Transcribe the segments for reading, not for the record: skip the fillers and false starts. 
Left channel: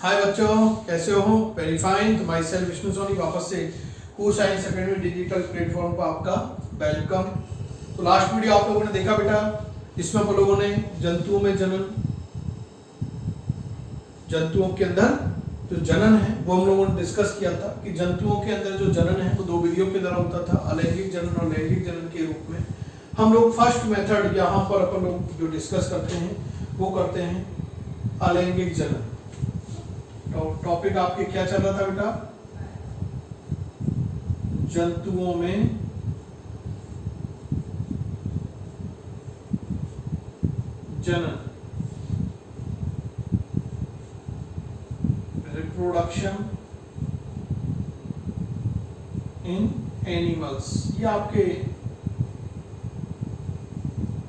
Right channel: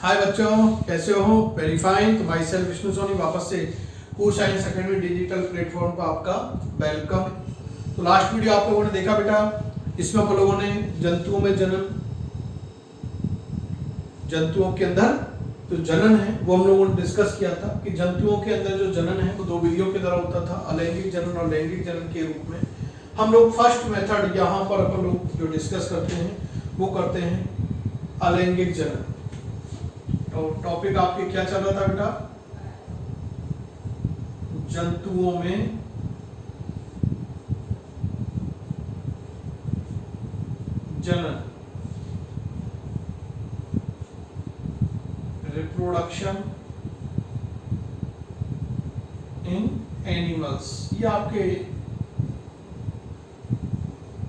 हाय बच्चों, कैसे हो? Very fine. तो माई सेल्फ विष्णु सोनी वापस से को साइंस अकेडमी डिजिटल प्लेटफॉर्म पर आपका वेलकम। तो लास्ट वीडियो आप लोगों ने देखा बेटा, इसमें हम लोगों ने जंतुओं में जनन, जंतुओं के अंदर जो जनन है वो हम लोगों ने डिस्कस किया था कि जंतुओं के अंदर जो जनन है वो दो विधियों के द्वारा होता था, अलैंगिक जनन और लैंगिक जनन के रूप में। हम लोग फर्स्ट मेथड यहाँ पर अपन लोग जो डिस्कस करते हैं वो करते हैं अलैंगिक जनन। तो टॉपिक आपके क्या चल रहा था बेटा? जंतुओं में जनन, रिप्रोडक्शन इन एनिमल्स, ये आपके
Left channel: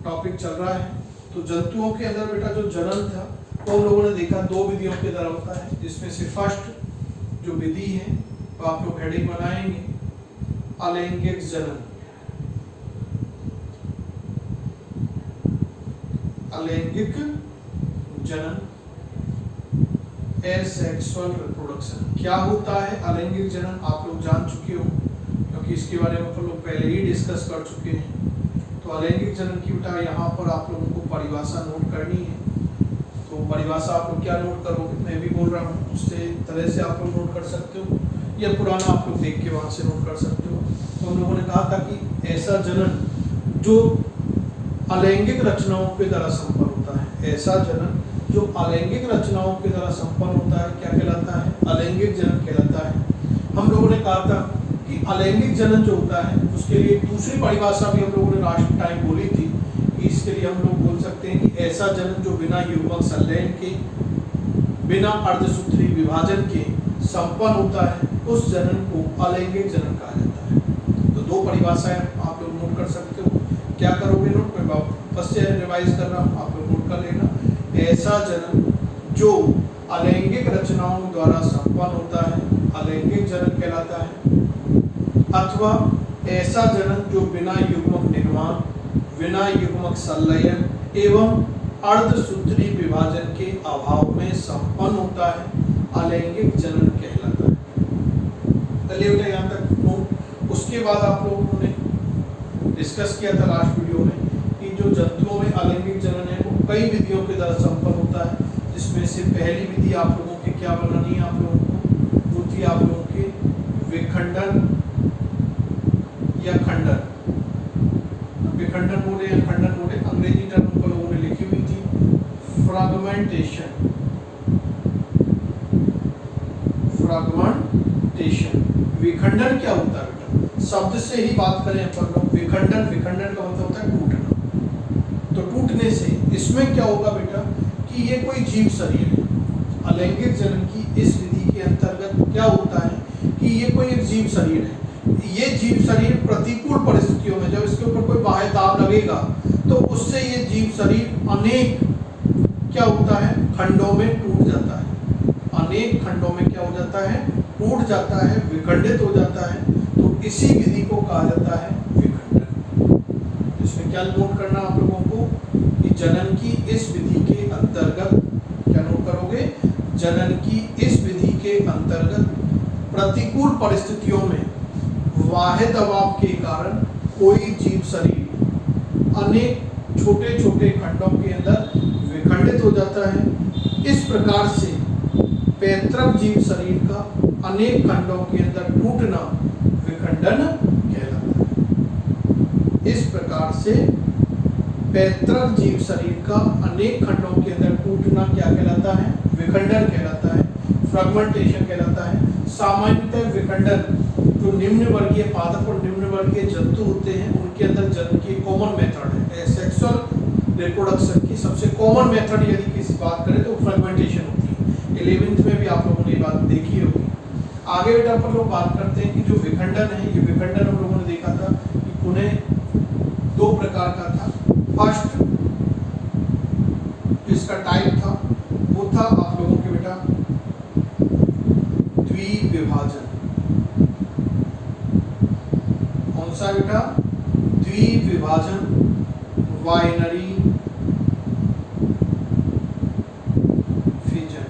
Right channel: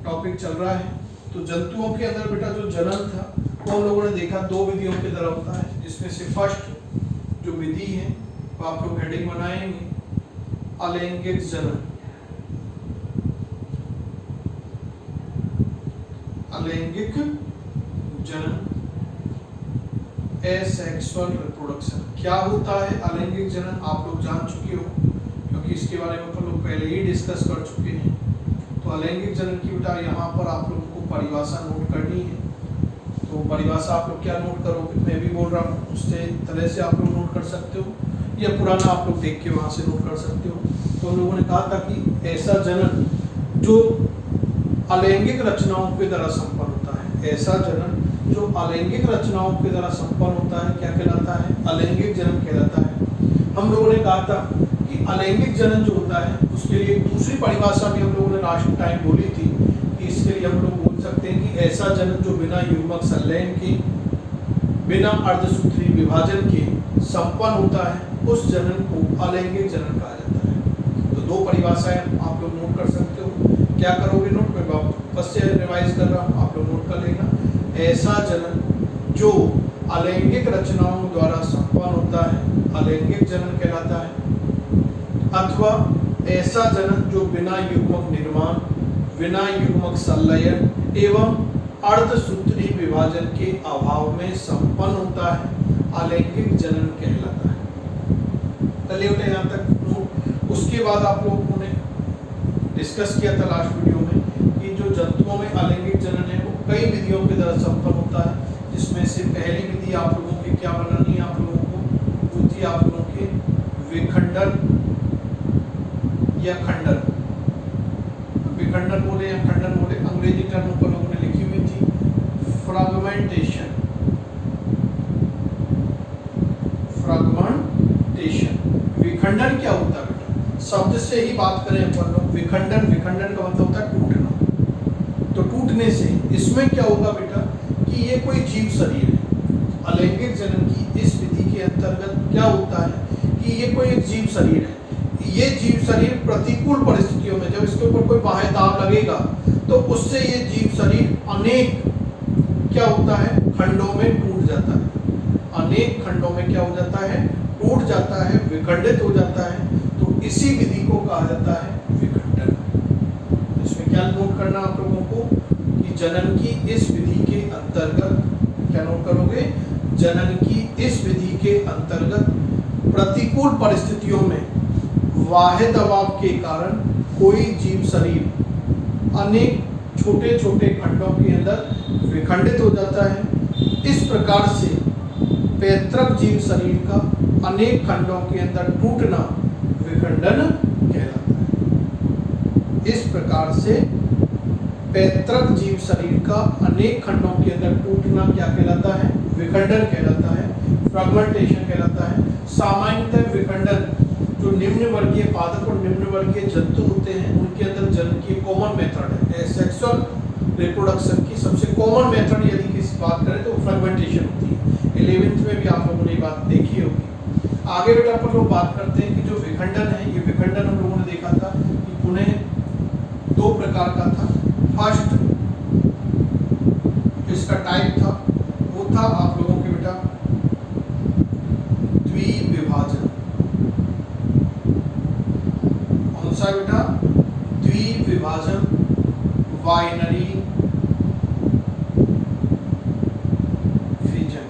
टॉपिक चल रहा है। तो जंतुओं के अंदर बेटा जो जनन था वो हम लोगों ने देखा दो विधियों के द्वारा होता है। इसमें से फर्स्ट जो विधि है वो आप लोग हेडिंग बनाएंगे अलैंगिक जनन। अलैंगिक जनन, एसेक्सुअल रिप्रोडक्शन। क्या होता है अलैंगिक जनन आप लोग जान चुके हो, क्योंकि इसके बारे में तो लोग पहले ही डिस्कस कर चुके हैं। तो अलैंगिक जनन की बेटा यहाँ पर आप लोगों को परिभाषा नोट करनी है। तो परिभाषा आप लोग क्या नोट करोगे? मैं भी बोल रहा हूँ उससे तरह से आप लोग नोट कर सकते हो, या पुराना आप लोग देख के वहां से नोट कर सकते हो। तो हम लोगों ने कहा था कि ऐसा जनन जो अलैंगिक रचनाओं के द्वारा संपन्न होता है, ऐसा जनन जो अलैंगिक रचनाओं के द्वारा संपन्न होता है क्या कहलाता है? अलैंगिक जनन कहलाता है। हम लोगों ने कहा था कि अलैंगिक जनन जो होता है उसके लिए एक दूसरी परिभाषा भी हम लोगों ने लास्ट टाइम बोली थी कि इसके लिए हम लोग बोल सकते हैं कि ऐसा जनन जो बिना युग्मक संलयन के, बिना अर्धसूत्री विभाजन के संपन्न होता है, उस जनन को अलैंगिक जनन कहा जाता है। तो दो परिभाषाएं आप लोग नोट कर सकते हो। क्या करोगे नोट? मैं वापस से रिवाइज कर रहा हूँ, आप लोग नोट कर लेना। ऐसा जनन जो अलैंगिक रचनाओं द्वारा संपन्न होता है अलैंगिक जनन कहलाता है, अथवा ऐसा जनन जो बिना युग्मक निर्माण, बिना युग्मक संलयन एवं अर्धसूत्री विभाजन के अभाव में संपन्न होता है अलैंगिक जनन कहलाता है। चलिए बेटा यहाँ तक नोट। उसके बाद आप लोगों ने डिस्कस किया था लास्ट वीडियो में कि जो जंतुओं में अलैंगिक जनन है वो कई विधियों के द्वारा संपन्न होता है। जिसमें से पहली विधि आप लोगों की क्या बनानी है? आप लोगों को वो थी आप लोगों के विखंडन या खंडन। विखंडन बोले या खंडन बोले, अंग्रेजी टर्म पर लोगों ने लिखी हुई थी फ्रैगमेंटेशन। फ्रैगमेंटेशन, विखंडन क्या होता है बेटा? शब्द से ही बात करें अपन लोग, विखंडन, विखंडन का मतलब होता है टूटना। तो टूटने से इसमें क्या होगा बेटा कि ये कोई जीव शरीर है। अलैंगिक जनन की इस विधि के अंतर्गत क्या होता है कि ये कोई एक जीव शरीर है। ये जीव शरीर प्रतिकूल परिस्थितियों में जब इसके ऊपर कोई बाह्य दाब लगेगा तो उससे ये जीव शरीर अनेक क्या होता है? खंडों में टूट जाता है। अनेक खंडों में क्या हो जाता है? टूट जाता है, विखंडित हो जाता है। तो इसी विधि को कहा जाता है विखंडन। इसमें क्या नोट करना आप लोगों को कि जनन की इस विधि के अंतर्गत, क्या नोट करोगे? जनन की इस विधि के अंतर्गत प्रतिकूल परिस्थितियों में बाह्य दबाव के कारण कोई जीव शरीर अनेक छोटे छोटे खंडों के अंदर विखंडित हो जाता है। इस प्रकार से पैतृक जीव शरीर का अनेक खंडों के अंदर टूटना विखंडन कहलाता है। इस प्रकार से पैतृक जीव शरीर का अनेक खंडों के अंदर टूटना क्या कहलाता है? विखंडन कहलाता है, फ्रैगमेंटेशन कहलाता है। सामान्यतः विखंडन जो निम्न वर्गीय पादप और निम्न वर्गीय जंतु होते हैं उनके अंदर जनन की कॉमन मेथड है। सेक्सुअल रिप्रोडक्शन की सबसे कॉमन मेथड यदि किसी बात करें तो फ्रैगमेंटेशन होती है। 11th में भी आप लोगों ने ये बात देखी होगी। आगे बेटा अपन लोग बात करते हैं कि जो विखंडन है, ये विखंडन हम लोगों ने देखा था कि पुनः दो प्रकार का था। फर्स्ट इसका टाइप था वो था आप लोगों के बेटा द्विविभाजन। कौन सा बेटा? द्विविभाजन, binary fission.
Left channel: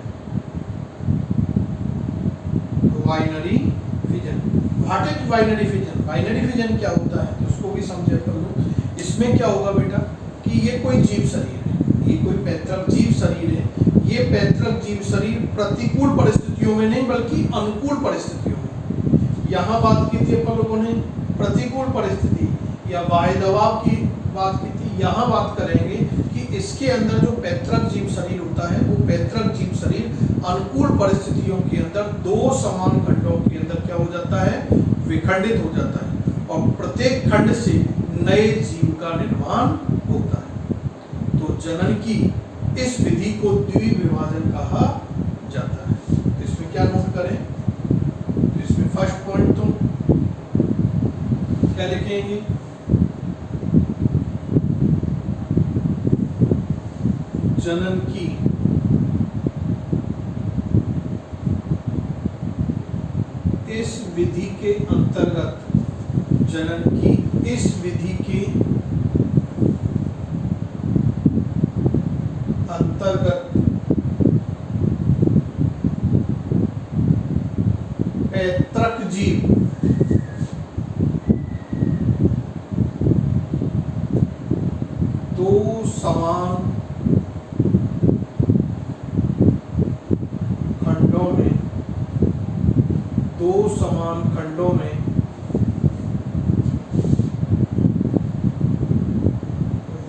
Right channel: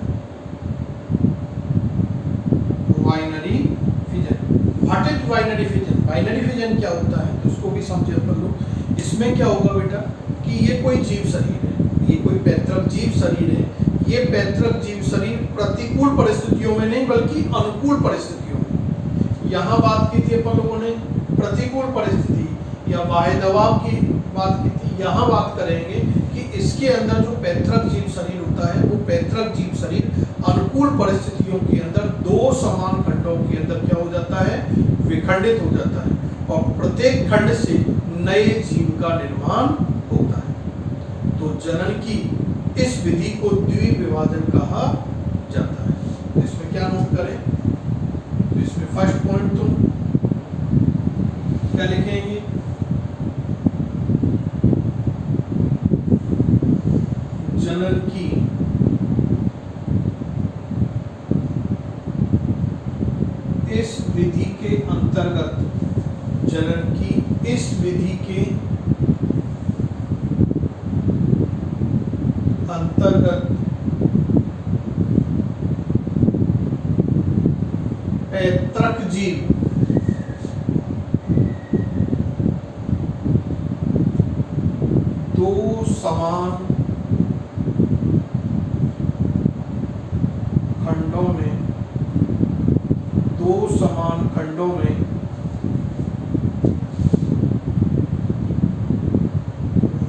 What is binary fission? Binary fission क्या होता है तो उसको भी समझे अपन लोग। इसमें क्या होगा बेटा कि ये कोई जीव शरीर है, ये कोई पैतृक जीव शरीर है। ये पैतृक जीव शरीर प्रतिकूल परिस्थितियों में नहीं बल्कि अनुकूल परिस्थितियों में, यहाँ बात की थी अपन लोगों ने प्रतिकूल परिस्थिति या बाह्य दबाव की बात की थी। यहाँ बात करेंगे कि इसके अंदर जो पैतृक जीव शरीर होता है वो पैतृक जीव शरीर अनुकूल परिस्थितियों के अंदर दो समान खंडों के अंदर क्या हो जाता है, विखंडित हो जाता है और प्रत्येक खंड से नए जीव का निर्माण होता है। तो जनन की इस विधि को द्विविभाजन कहा जाता है। तो इसमें क्या नोट करें, तो इसमें फर्स्ट पॉइंट तो क्या लिखेंगे, जनन की इस विधि के अंतर्गत, जनन की इस विधि के अंतर्गत पैतृक जीव दो समान खंडों में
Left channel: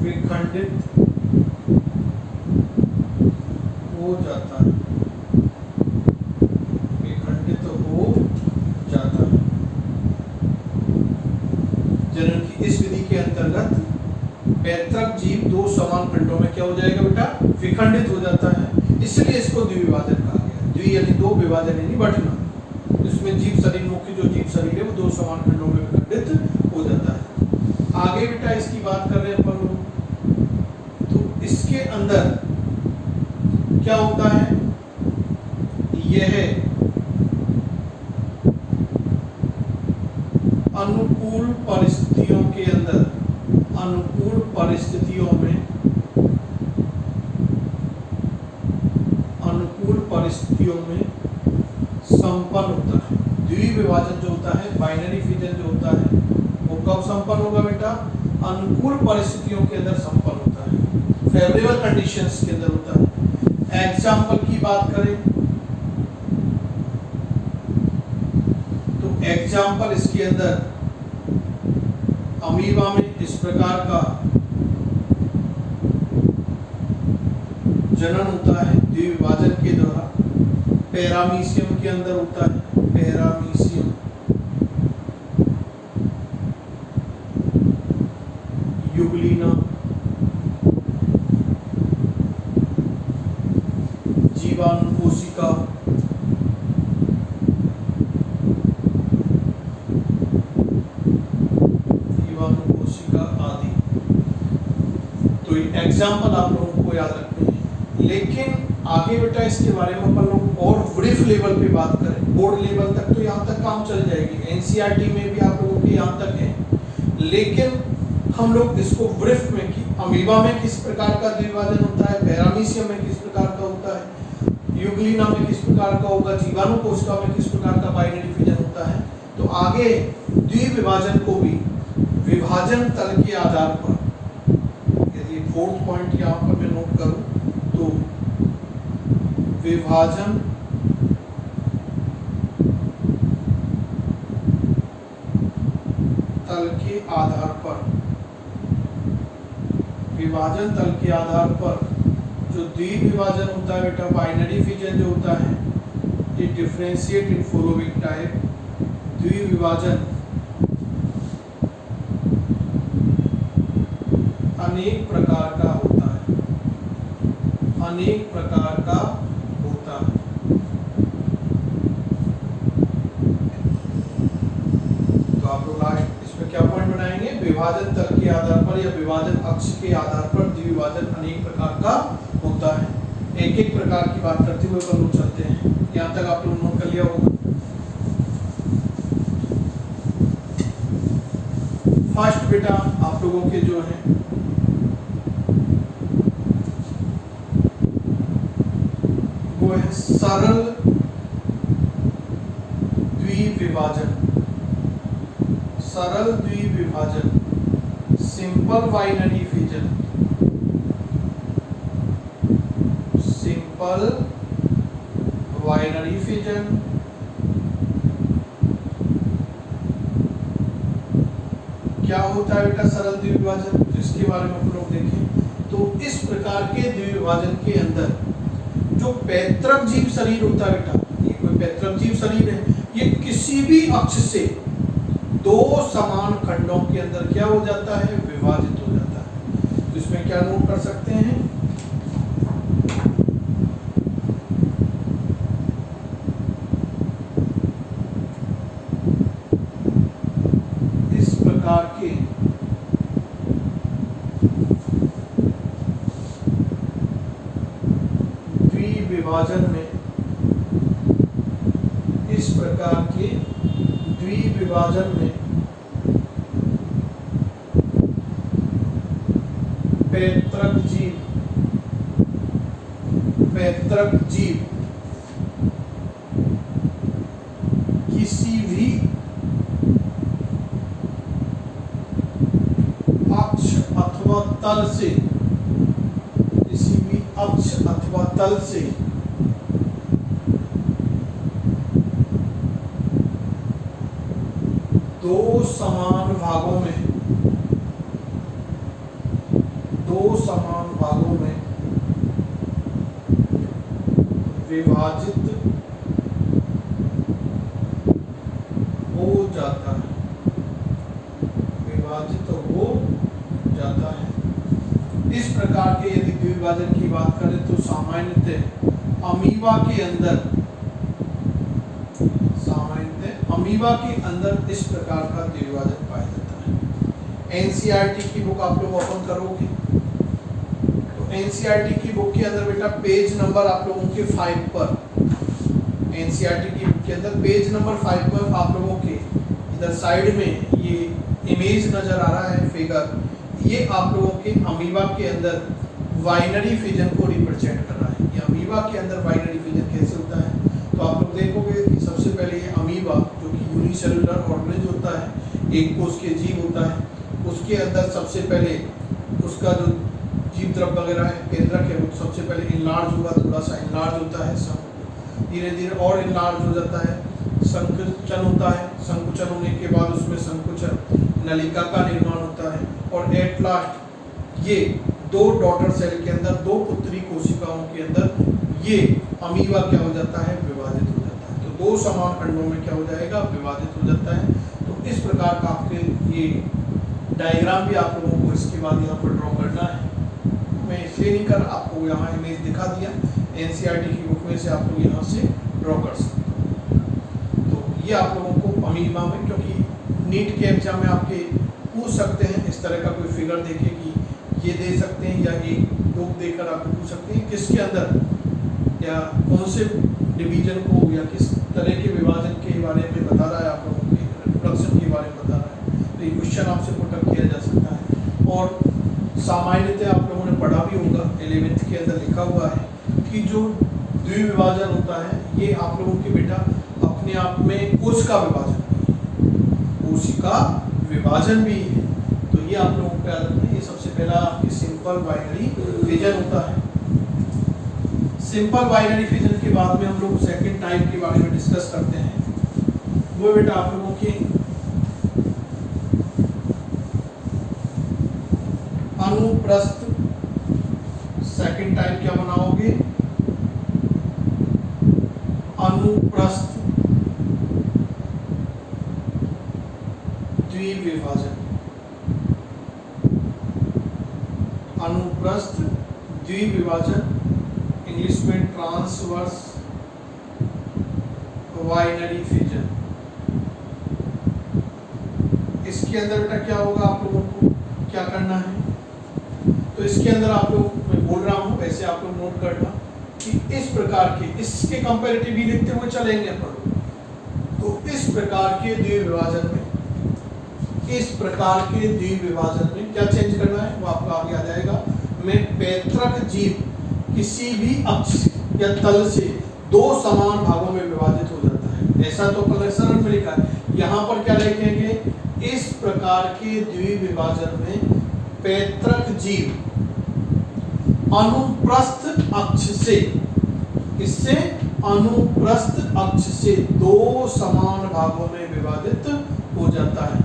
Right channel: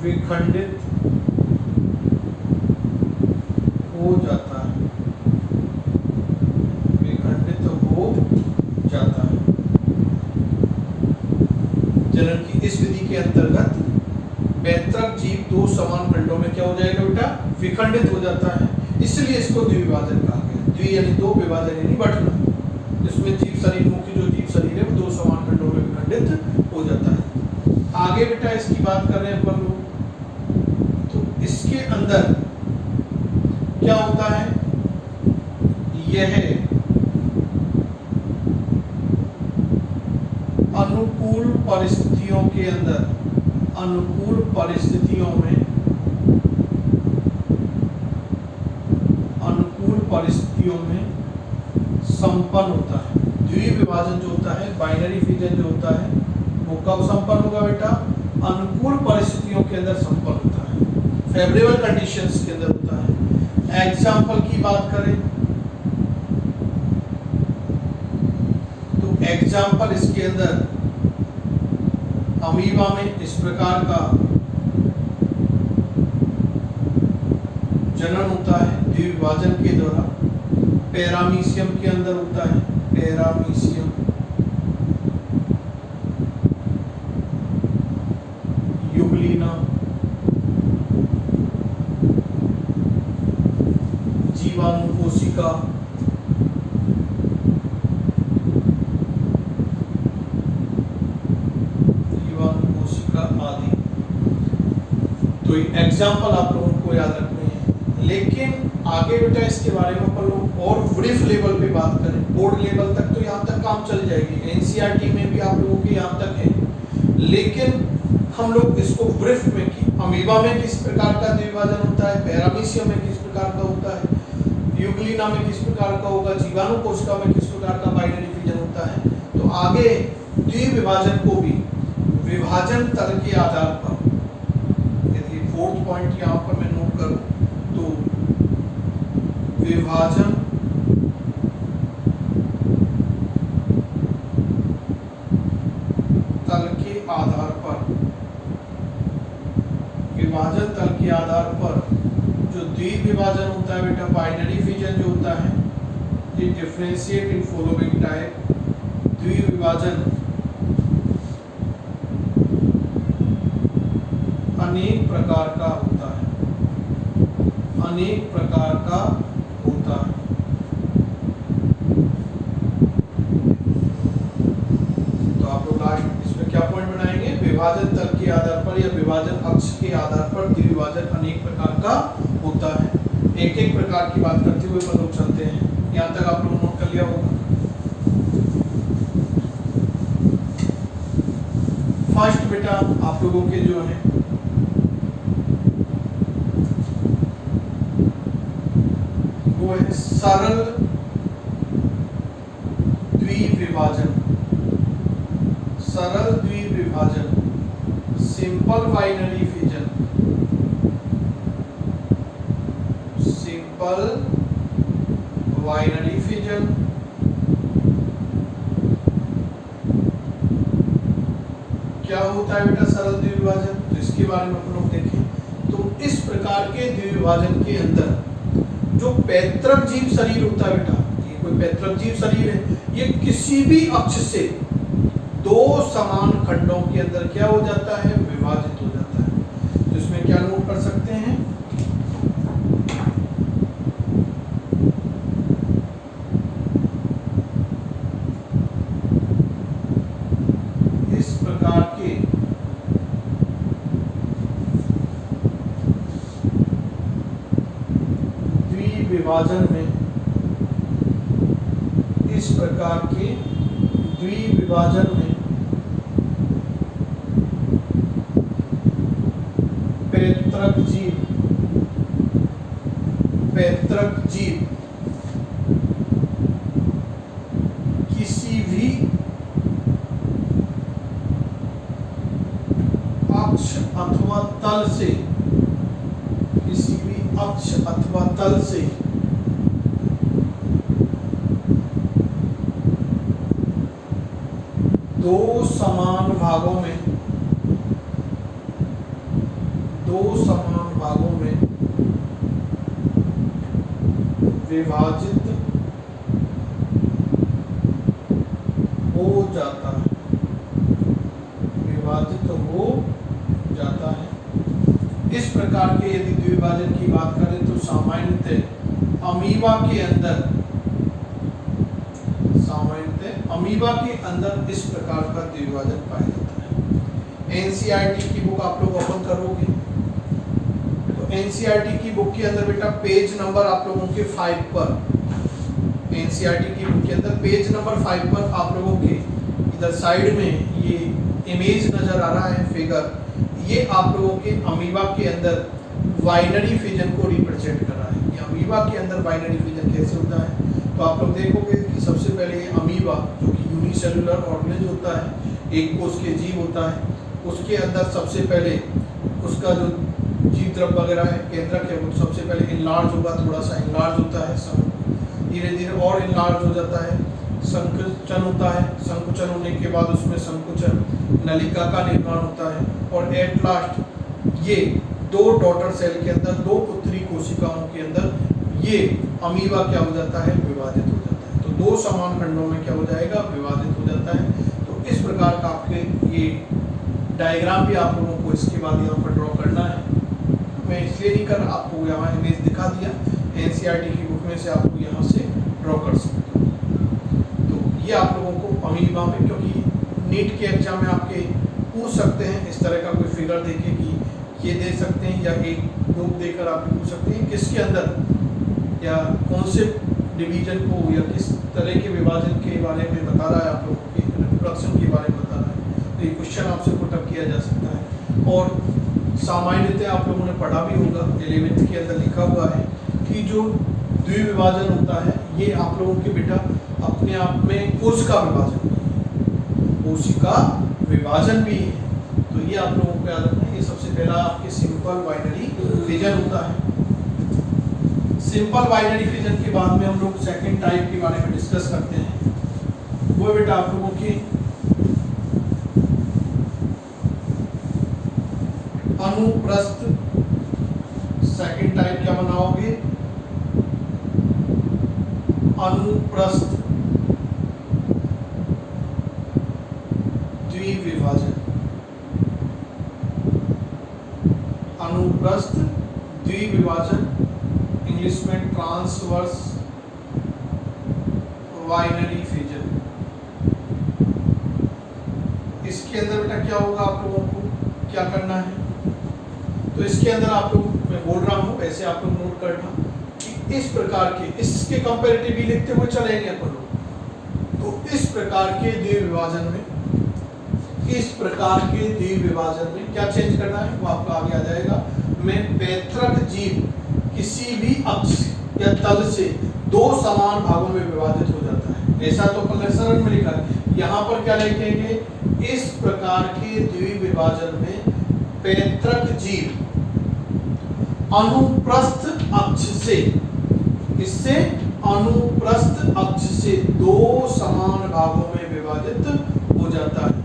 विखंडित हो जाता है, विखंडित हो जाता है। जनन की इस विधि के अंतर्गत पैतृक जीव दो समान खंडों में क्या हो जाएगा बेटा, विखंडित हो जाता है। इसलिए इसको द्विविभाजन कहा गया। द्वि यानी दो, विभाजन यानी बंटना। इसमें जीव शरीर, मुख्य जो जीव शरीर है वो दो समान खंडों में विखंडित हो जाता है। आगे बेटा इसकी बात कर रहे हैं अपन लोग, तो इसके अंदर क्या होता है, यह अनुकूल परिस्थितियों के अंदर, अनुकूल परिस्थितियों में, अनुकूल परिस्थितियों में संपन्न होता है। द्विविभाजन जो होता है, बाइनरी फिजन जो होता है वो कब संपन्न होगा बेटा, अनुकूल परिस्थितियों के अंदर संपन्न होता है, फेवरेबल कंडीशंस के अंदर होता है। एग्जाम्पल की बात करें तो एग्जाम्पल इसके अंदर अमीबा में इस प्रकार का जनन होता है द्विविभाजन के द्वारा। पैरामीशियम के अंदर होता है, पैरामीशियम, युगलीना, जीवाणु कोशिका, जीवाणु कोशिका आदि। तो ये एग्जाम्पल आप लोगों को याद रखने हैं। लेकिन आगे बेटा इसके बारे में अपन लोग और ब्रीफ लेवल पे बात करें, बोर्ड लेवल तक तो यहाँ तक काम चल जाएगी, एनसीईआरटी में भी आप लोगों के यहाँ तक है। लेकिन हम लोग इसको ब्रीफ में कि अमीबा में किस प्रकार का द्विभाजन होता है, पैरामीशियम में किस प्रकार का होता है, युगलीना में किस प्रकार का होगा, जीवाणु कोशिका में किस प्रकार का बाइनरी फिजन होता है। तो आगे द्विविभाजन को भी विभाजन तल के आधार पर, यदि फोर्थ पॉइंट यहाँ पर मैं नोट करूँ तो विभाजन तल के आधार पर, विभाजन तल के आधार पर जो द्विविभाजन होता है बेटा, बाइनरी फिजन जो होता है, ये डिफरेंशिएट इन फॉलोइंग टाइप। द्विविभाजन अनेक प्रकार का होता है, अनेक प्रकार का होता है। तो आप लोग लास्ट इसमें क्या पॉइंट बनाएंगे, विभाजन तल के आधार पर या विभाजन अक्ष के आधार पर द्विविभाजन अनेक प्रकार का होता है। एक एक प्रकार की बात करते हुए अपन लोग चलते हैं। यहाँ तक आप लोग नोट कर लिया होगा। फर्स्ट बेटा आप लोगों के जो है वो है सरल द्विविभाजन। सरल द्विविभाजन, simple binary fission, simple binary fission, क्या होता है बेटा सरल द्विविभाजन, जिसके बारे में हम लोग देखें तो इस प्रकार के द्विविभाजन के अंदर जो पैतृक जीव शरीर होता है बेटा, ये कोई पैतृक जीव शरीर है, ये किसी भी अक्ष से दो समान खंडों के अंदर क्या हो जाता है, विभाजित हो जाता है। तो इसमें क्या नोट कर सकते हैं, इस प्रकार के द्विविभाजन में, इस प्रकार के द्विविभाजन में पैतृक जीव किसी भी अक्ष अथवा तल से, किसी भी अक्ष अथवा तल से दो समान भागों में विभाजित हो जाता है, विभाजित हो जाता है। इस प्रकार के यदि द्विविभाजन की बात करें तो सामान्यतः अमीबा के अंदर इस प्रकार का द्विविभाजन पाया जाता है। एनसीईआरटी की बुक आप लोग ओपन करोगे तो एनसीईआरटी की बुक के अंदर बेटा पेज नंबर आप लोगों के 5 पर, एनसीईआरटी की बुक के अंदर पेज नंबर 5 पर आप लोगों के इधर साइड में ये इमेज नजर आ रहा है, फिगर, ये आप लोगों के अमीबा के अंदर बाइनरी फिजन को रिप्रेजेंट कर रहा है। ये अमीबा के अंदर बाइनरी फिजन कैसे होता है, तो आप लोग देखोगे कि सबसे पहले ये अमीबा जो कि यूनिसेलुलर ऑर्गेनिज्म होता है, एक कोष के जीव होता है, उसके अंदर सबसे पहले उसका जो जीव द्रव्य वगैरह है, केंद्रक है, वो सबसे पहले इनलार्ज होगा, थोड़ा सा इनलार्ज होता है, धीरे धीरे और इनलार्ज हो जाता है, संकुचन होता है, संकुचन होने के बाद उसमें संकुचन नलिका का निर्माण होता है, और एट लास्ट ये दो डॉटर सेल के अंदर, दो पुत्री कोशिकाओं के अंदर ये अमीबा क्या हो जाता है, विभाजित हो जाता है। तो दो समान खंडों में क्या हो जाएगा, विभाजित हो जाता है। तो इस प्रकार का आपके ये डायग्राम भी आप लोगों को इसके बाद यहाँ पर ड्रॉ करना है। मैं इसलिए नहीं कर आपको यहाँ इमेज दिखा दिया, एनसीईआरटी की बुक में से आप लोग यहाँ से ड्रॉ कर सकते हो। तो ये आप लोगों को अमीबा में, क्योंकि नीट के एग्जाम में आपके पूछ सकते हैं इस तरह का कोई फिगर देके कि ये दे सकते हैं, या एक बुक देकर आप पूछ सकते हैं किसके अंदर या कौन से डिवीजन को या किस तरह के विभाजन के बारे में बता रहा है, आप लोगों के रिप्रोडक्शन के बारे में बता रहा है। तो ये क्वेश्चन आपसे पुटअप किया जा सकता है। और सामान्यतः आप लोगों ने पढ़ा भी होगा, 11th के अंदर लिखा हुआ है कि जो द्विविभाजन होता है ये आप लोगों के बेटा अपने आप में कोशिका विभाजन भी है, कोशिका विभाजन भी है। तो ये आप लोगों को याद रखना है। ये सबसे पहला आपके सिंपल बाइनरी फिजन होता है। सिंपल बाइनरी फिजन के बाद में हम लोग सेकंड टाइप के बारे में डिस्कस करते हैं। वो बेटा आप लोगों के अनुप्रस्थ, सेकंड टाइप क्या बनाओगे, अनुप्रस्थ द्विविभाजन, अनुप्रस्थ द्विविभाजन, इंग्लिश में ट्रांसवर्स बाइनरी फिजन। इसके अंदर बेटा क्या होगा, आप लोगों को क्या करना है, तो इसके अंदर आप लोग, मैं बोल रहा हूँ ऐसे आप लोग नोट करना कि इस प्रकार के, इसके कंपैरेटिवली लिखते हुए चलेंगे अपन लोग। तो इस प्रकार के द्विविभाजन में, इस प्रकार के द्विविभाजन में क्या चेंज करना है वो आपको आगे आ जाएगा। में पैतृक जीव किसी भी अक्ष या तल से दो समान भागों में विभाजित हो जाता है। ऐसा तो कलर सरल में लिखा है, यहाँ पर क्या लिखेंगे, इस प्रकार के द्विविभाजन में पैतृक जीव अनुप्रस्थ अक्ष से, इससे अनुप्रस्थ अक्ष से दो समान भागों में विभाजित हो जाता है।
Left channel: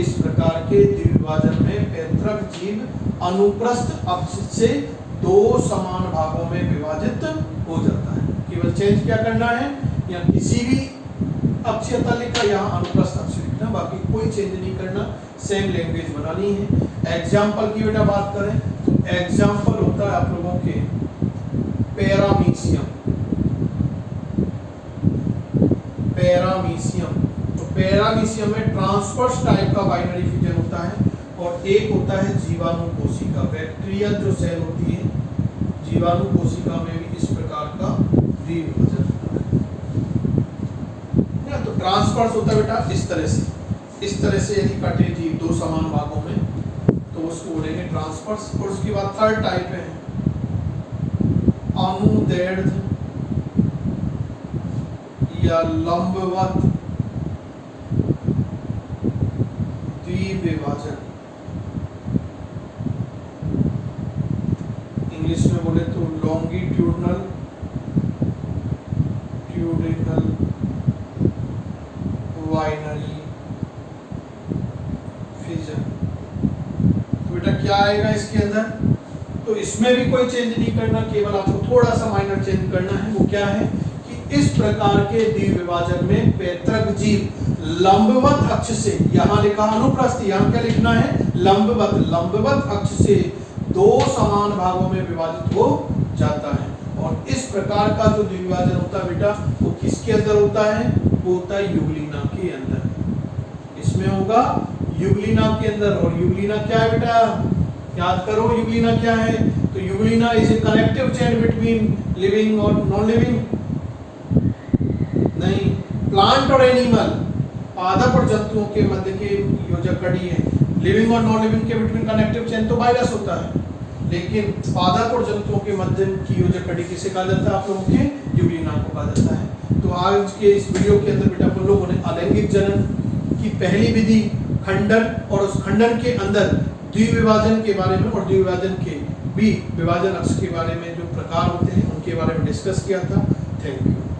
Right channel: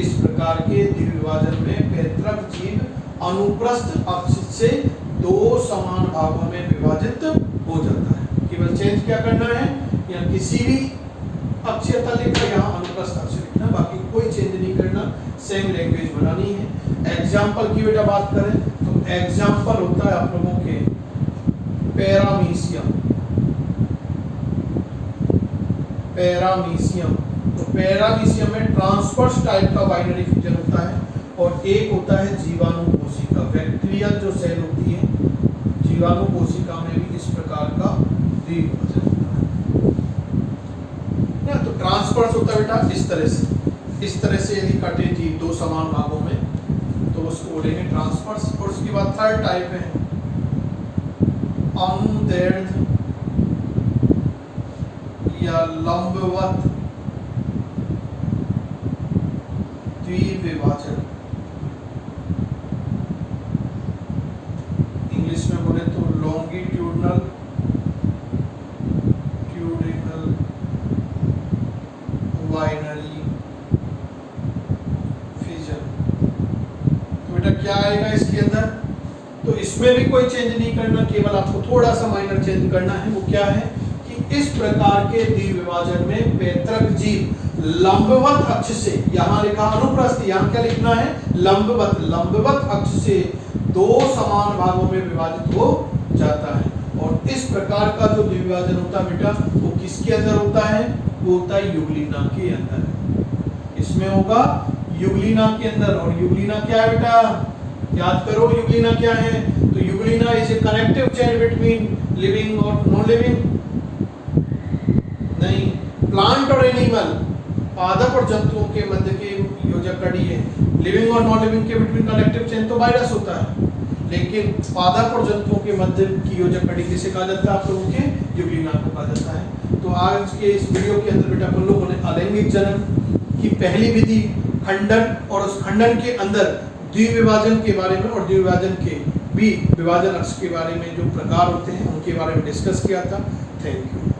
इस प्रकार के द्विविभाजन में पैतृक जीव अनुप्रस्थ अक्ष से दो समान भागों में विभाजित हो जाता है। केवल चेंज क्या करना है, या किसी भी अक्षीय तल लिखा, यहाँ अनुप्रस्थ अक्ष लिखना, बाकी कोई चेंज नहीं करना, सेम लैंग्वेज बनानी है। एग्जाम्पल की बेटा बात करें तो एग्जाम्पल होता है आप लोगों के पैरामीशियम। पैरामीशियम, तो पैरामीशियम में ट्रांसवर्स टाइप का बाइनरी फीचर होता है, और एक होता है जीवाणु कोशिका, बैक्टीरियल जो सेल होती है, जीवाणु कोशिका में भी इस प्रकार का द्विविभाजन होता है। तो ट्रांसवर्स होता है बेटा इस तरह से, इस तरह से यदि कटे जीव दो समान भागों में तो उसको बोलेंगे ट्रांसवर्स। और उसके बाद थर्ड टाइप है अनुदैर्ध्य या लंबवत द्विविभाजन। इंग्लिश में बोले तो लॉन्गिट्यूडनल ट्यूडिनल बाइनरी फिजन। तो बेटा क्या आएगा इसके अंदर, तो इसमें भी कोई चेंज नहीं करना, केवल आपको थोड़ा सा माइनर चेंज करना है। वो क्या है कि इस प्रकार के द्विविभाजन में पैतृक जीव लंबवत अक्ष से, यहाँ लिखा अनुप्रस्थ, यहाँ क्या लिखना है लंबवत, लंबवत अक्ष से दो समान भागों में विभाजित हो जाता है। और इस प्रकार का जो द्विविभाजन होता है बेटा वो किसके अंदर होता है, वो होता है युग्लिना के अंदर। इसमें होगा युग्लिना के अंदर। और युग्लिना क्या है बेटा, याद करो युग्लिना क्या है, तो euglena is a connective chain between living और नॉन लिविंग, नहीं प्लांट और एनिमल, पादप और जंतुओं के मध्य के योजक कड़ी है। लिविंग और नॉन लिविंग के बिटवीन कनेक्टिव चेन तो वायरस होता है, लेकिन पादप और जंतुओं के मध्य की योजक कड़ी किसे कहा जाता है, आप लोगों के युग्लिना को कहा जाता है। तो आज के इस वीडियो के अंदर बेटा अपन लोगों ने अलैंगिक जनन की पहली विधि, खंडन, और उस खंडन के अंदर द्विविभाजन के बारे में और द्विविभाजन के भी विभाजन अक्ष के बारे में जो प्रकार होते हैं उनके बारे में डिस्कस किया था। Thank you.